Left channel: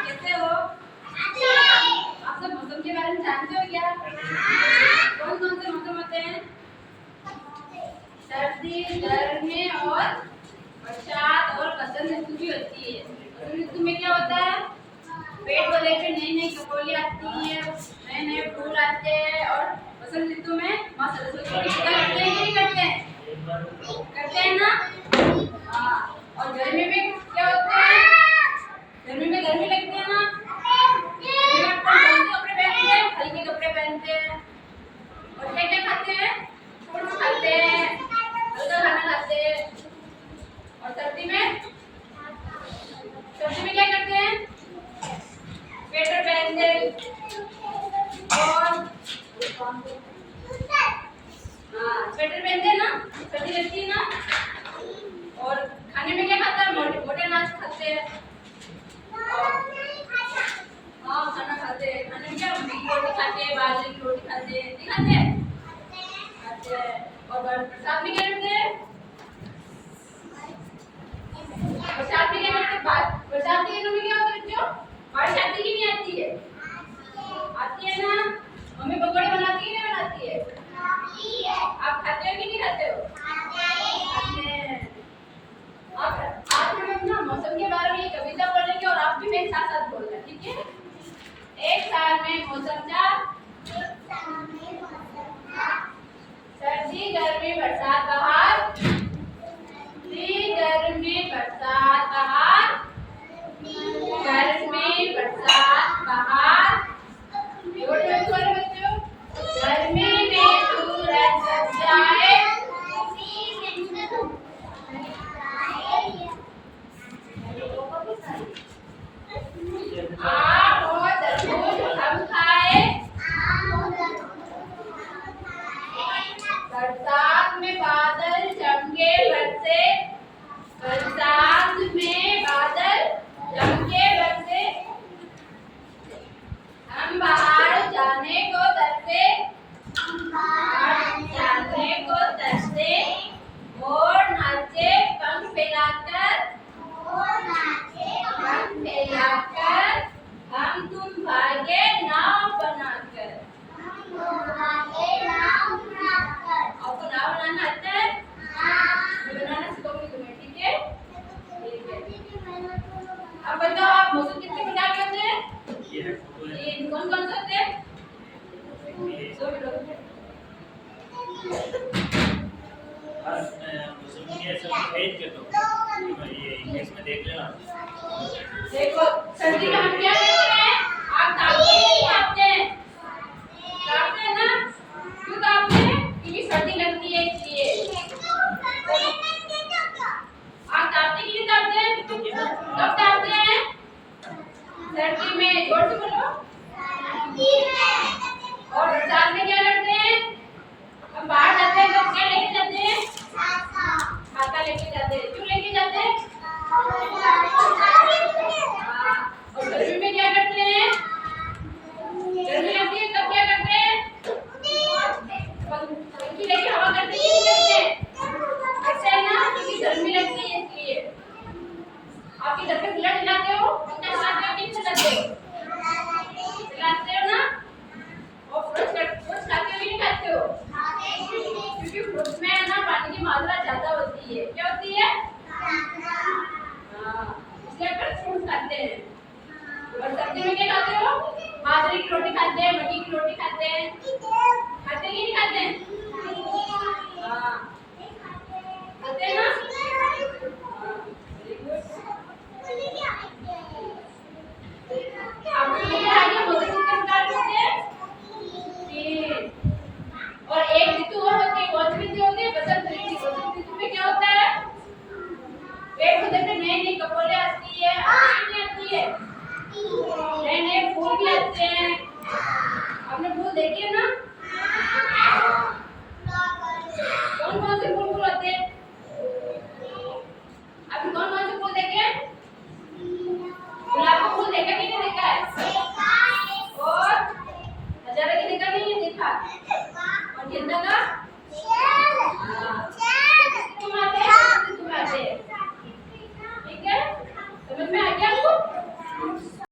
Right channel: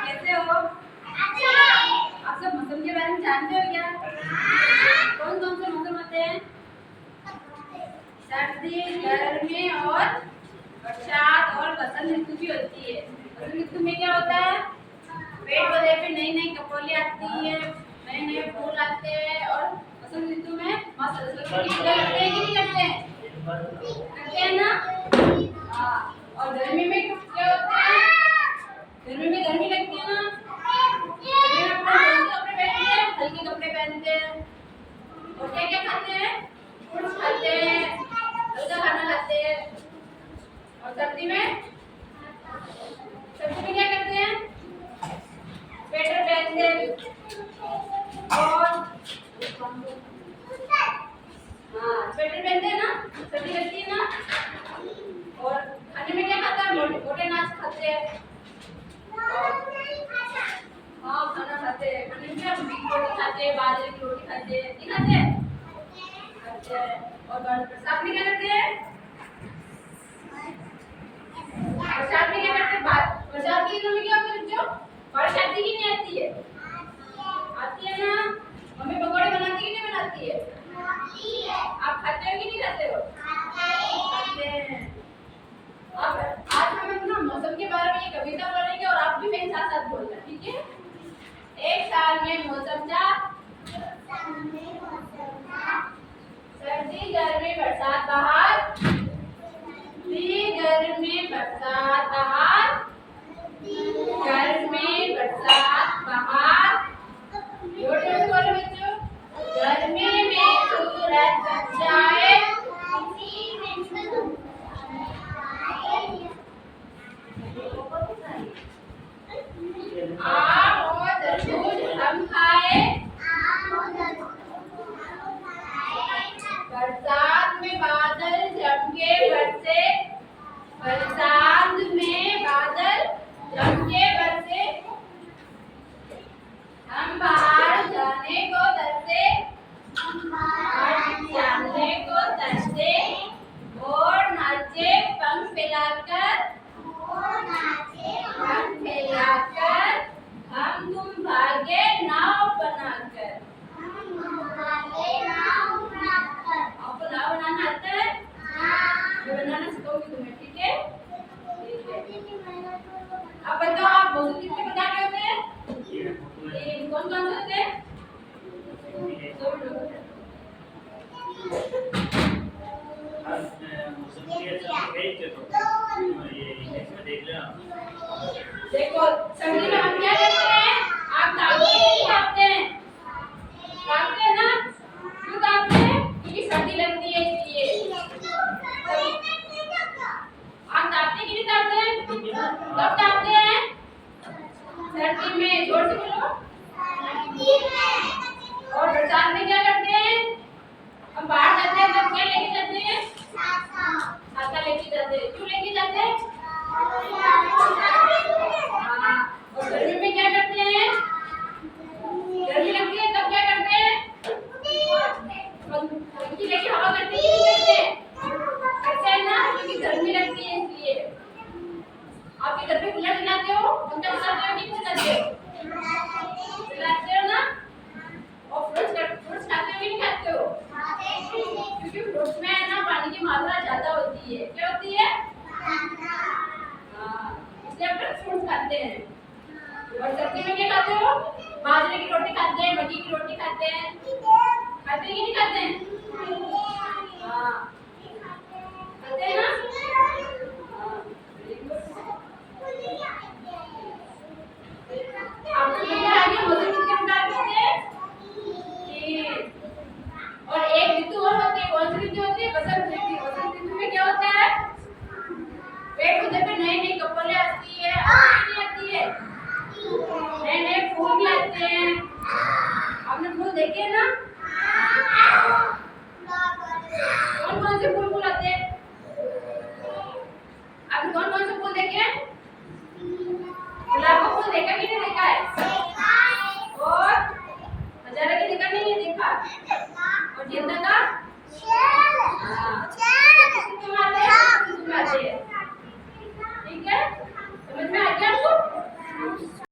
कैसे हो? आप सब मौसम के बारे में जानते हो क्या? कौन कौन से मौसम होते हैं? सर्दी, गर्मी और बरसात और बसंत ऋतु भी होती है। बसंत ऋतु में क्या होता है? पेड़ पौधे पे नई नई कपोली आती है, नए नए फूल आते हैं। और बसंत ऋतु में माँ सरस्वती की पूजा करते हैं कि नहीं करते हैं? करते हैं ना? हाँ। और गर्मी में क्या होता है? गर्मी में गर्मी लगती है ना? गर्मी में अपन कौन से कपड़े पहनते हैं? हल्के कपड़े पहनते हैं। और क्या क्या खाते हैं? फ्रूट्स खाते हैं, हल्का खाना खाते हैं। और सर्दी में क्या करते हैं? स्वेटर पहनते हैं और हाँ स्वेटर पहनते हैं ना, सर्दी लगती है ना। और खाने में क्या खाता है? मोटे मोटे अनाज खाते हैं। हाँ खाना खाते हैं। खाने में क्या? रोटी खाते हैं, बाजरे की रोटी खाते हैं, नहीं खाते हैं? खाते हैं। और बरसात में क्या करते हैं? बरसात में क्या करते हैं? बरसात के दिनों में क्या होता है बच्चों? बारिश आती कि नहीं आती है? आती है ना? मम्मी पकौड़े बनाती कि नहीं बनाती है? आप खाते हो कि नहीं खाते हो? खाते हैं। अब आज हम अपना मौसम के बारे में ये कविता पढ़ेंगे और आप भी मेरे साथ साथ बोलना, ठीक है? एक साल में मौसम था, सर्दी गर्मी बरसात बहार, सर्दी गर्मी बरसात बहार, गर्मी बरसात बहार। जोर जोर से बोलो बच्चों। गर्मी में सूरज छप जाए, आम और तरबूज हम खाए, बरसात में बादल जम के बरसे, बरसात में बादल जम के बरसे, हम बाहर जाने को तरसे, जाने को तरसे, और नाचे पंख फैलाकर, पंख फैलाकर, हम तुम भागे नाव बनाकर। आपको नाव बनाना आता है? मैं बनाना सिखाऊंगी तुम्हें, ठीक है? ठीक है। अब बताओ आप मौसम कितने प्रकार के होते हैं? तीन। कौन कौन से होते हैं? दो मिनट। मौसम के सब है के तो ये इंग्लिश में देख लेना।